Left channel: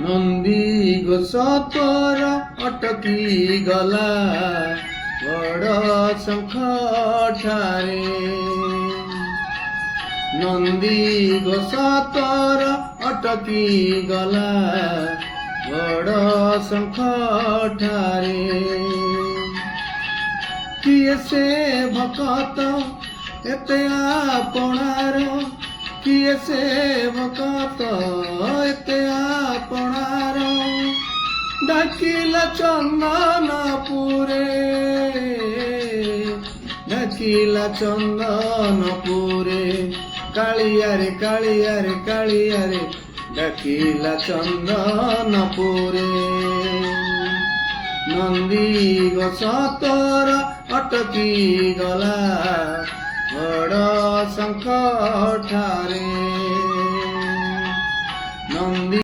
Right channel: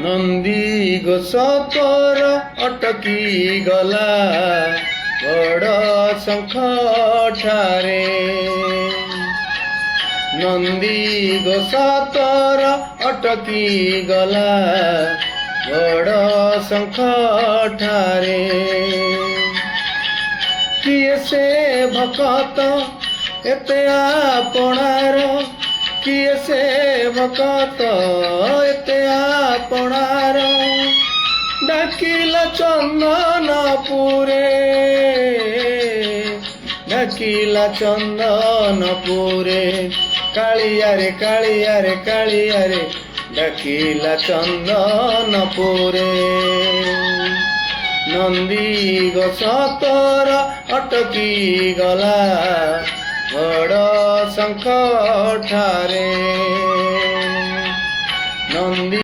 नंदी गोस तोर अटकी गला बड़ शंख ठारे। नंदी गोस तोर अटकी गला बड़ शंख ठारे। किए से भकत एते आपणार, किए से भकत एते आपणार। डाकिला चंदनपुरे, डाकिला चंदनपुरे, कालिया रे कालिया रे कालिया रे, डाकिला चंदनपुरे। नंदी गोस तोर अटकी गला बड़ शंख ठारे। नंदी